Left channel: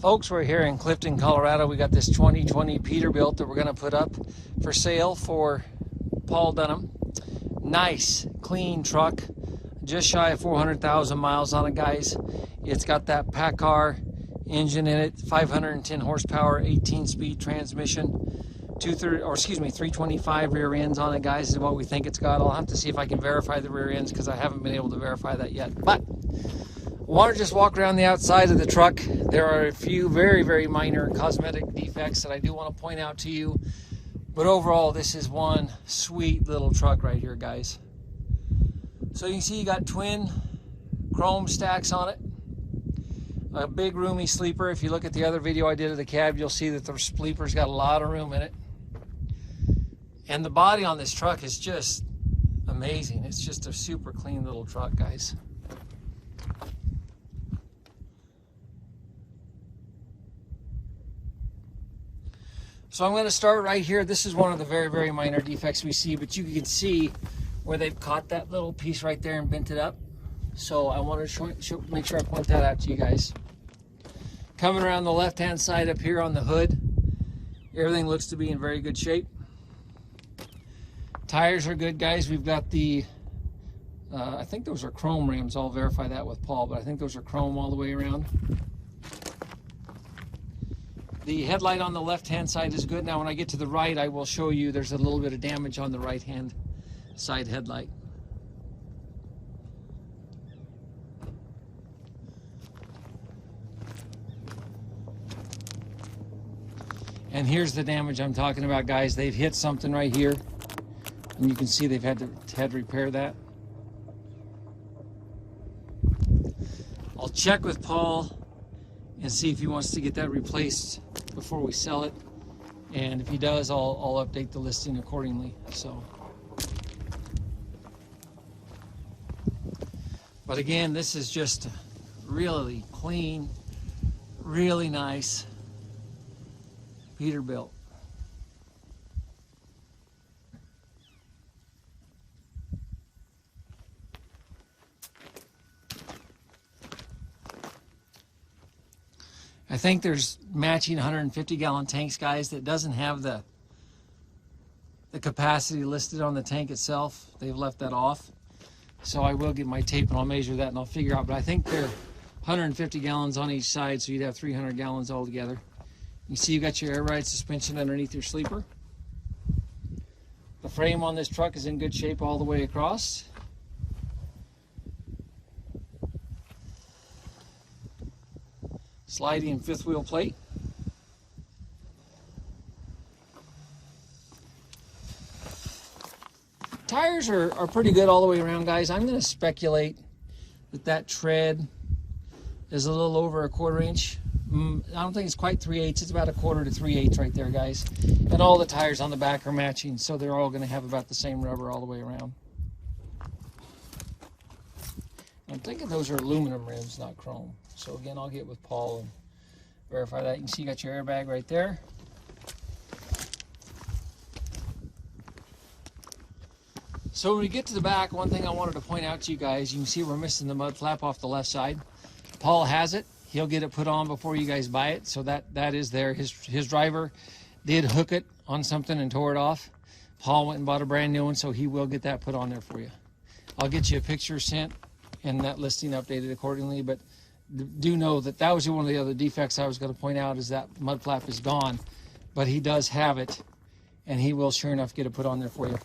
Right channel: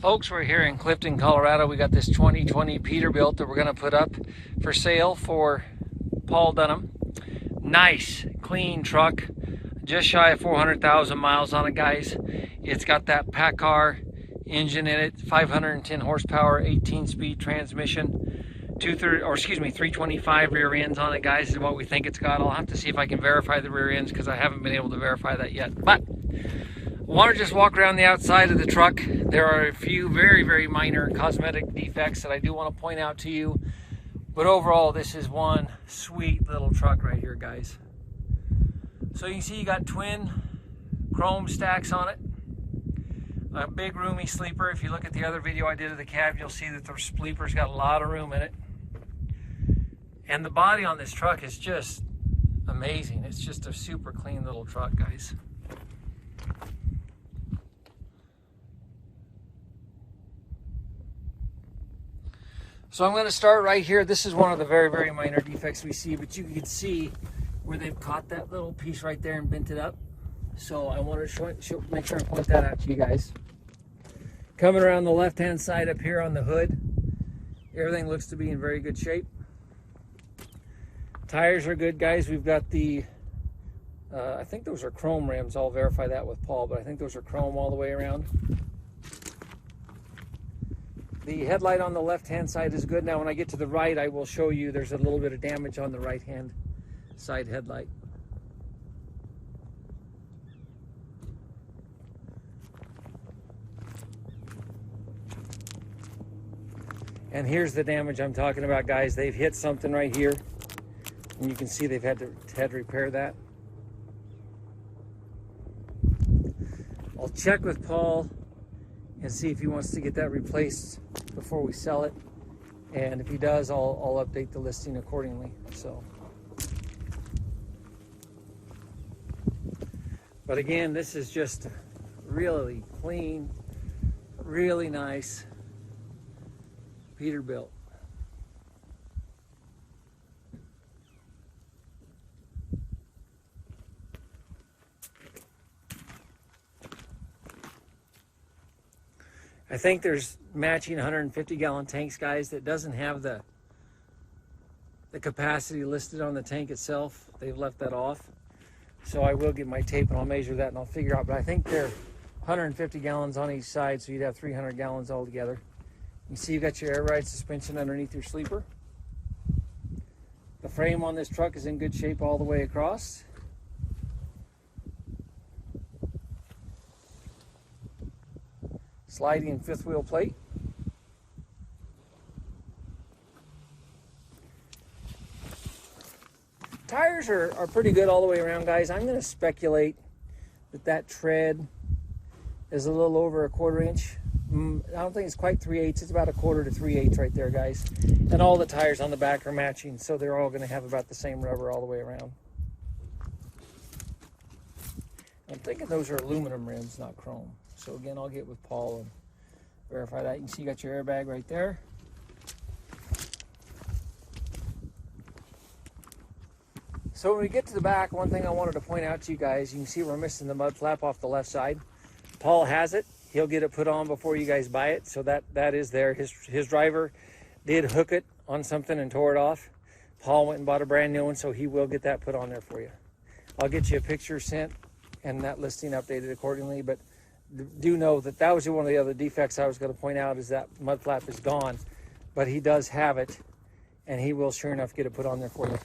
Folks, we're here in Clifton, Colorado. We got this 2020 Peterbilt that we're going to put up for sale for Paul Dunham. Nice, clean truck. Just shy of 400,000 miles on it, guys. It's got that PACCAR engine in it, 510 horsepower, 18-speed transmission, 325 rear ends on it, guys, is what we think it's got. I'll have to see if I can verify the rear ends because I haven't been able to verify that yet. But I want to just walk around the outside of the truck. There are a few very, very minor cosmetic defects that I do want to point out to you. But overall, this is one sweet little truck right here, guys. So you can see you got twin chrome stacks on it. A big roomy sleeper. If you look at the other video I did of the cab, you'll see that the sleeper's got a lot of room in it. And the body on this truck is just amazing. It's just a super clean little truck, guys. So I'm going to start right here. This is one of the very, very minor defects we see, but you can see where they've caught that little piece right there and bent it up. So I want to make sure I point that out to you guys. Coming around the left-hand side up here on the hood, everything looks to be in very good shape. Tires are good, guys. We've got the, I think those are chrome rims. I'll verify that with Paul, but I think those are chrome all the way around. The headlight on the left-hand side is good. Now when I get to the right, I will show you there's a little bit of damage on the right-hand side headlight. And here's the damage I'm talking about, guys. They've hit something right here, and you can see they've had to repair that. I'll check with Paul and see if he wants to get that replaced before we sell it. And if he does, I'll update the listing accordingly. So, but again, this is just really clean, really nice Peterbilt. I think there's matching 150-gallon tanks, guys, that doesn't have the capacity listed on the tank itself. They've left that off. So I will get my tape and I'll measure that and I'll figure out. But I think they're 150 gallons on each side, so you'd have 300 gallons altogether. You see you got your air ride suspension underneath your sleeper. The frame on this truck is in good shape all the way across. Sliding fifth wheel plate. Tires are pretty good all the way around, guys. I'm going to speculate that tread is a little over 1/4 inch. I don't think it's quite 3/8. It's about 1/4 to 3/8 right there, guys. And all the tires on the back are matching, so they're all going to have about the same rubber all the way around. I'm thinking those are aluminum rims, not chrome. So again, I'll get with Paul and verify that. You can see you got your airbag right there. So when we get to the back, one thing I wanted to point out to you guys, you can see we're missing the mud flap off the left side. Paul has it. He'll get it put on before you guys buy it. So that is there. His driver did hook it on something and tore it off. Paul went and bought a brand new one, so he will get that put on there for you. I'll get you a picture sent and that listing updated accordingly, but do know that that was one of the other defects I was going to point out, is that mud flap is gone, but he does have it, and he will sure enough get it put on there for you.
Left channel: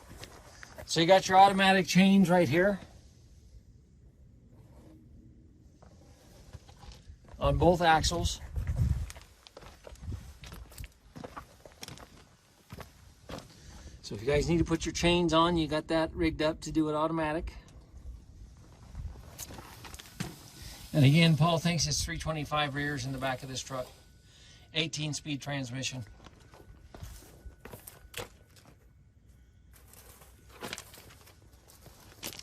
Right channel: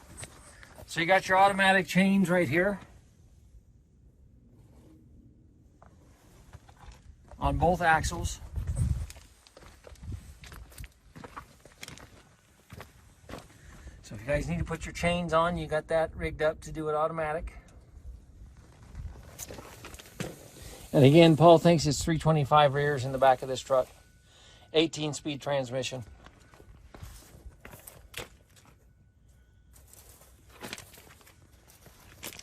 So you got your automatic change right here on both axles. So if you guys need to put your chains on, you got that rigged up to do it automatic. And again, Paul thinks it's 325 rears in the back of this truck. 18-speed transmission.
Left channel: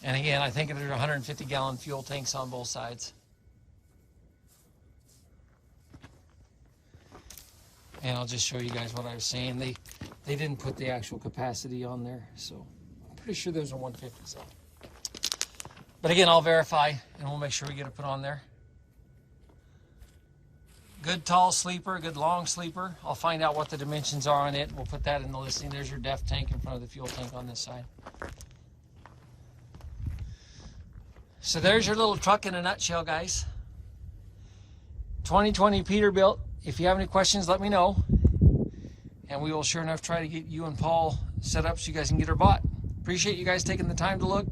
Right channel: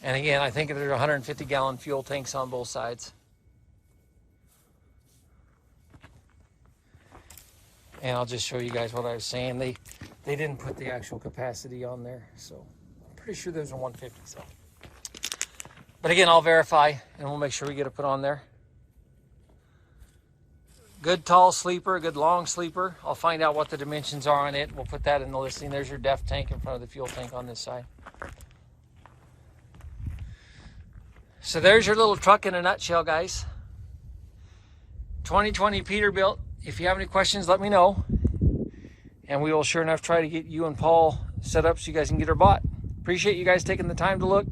And again, I think there's 150-gallon fuel tanks on both sides. And I'll just show you guys what I was saying. They didn't put the actual capacity on there, so I'm pretty sure those are 150. So, but again, I'll verify and we'll make sure we get it put on there. Good tall sleeper, good long sleeper. I'll find out what the dimensions are on it. We'll put that in the listing. There's your depth tank in front of the fuel tank on this side. So there's your little truck in a nutshell, guys. 2020 Peterbilt. If you have any questions, let me know. And we will sure enough try to get you and Paul set up so you guys can get her bought. Appreciate you guys taking the time to look.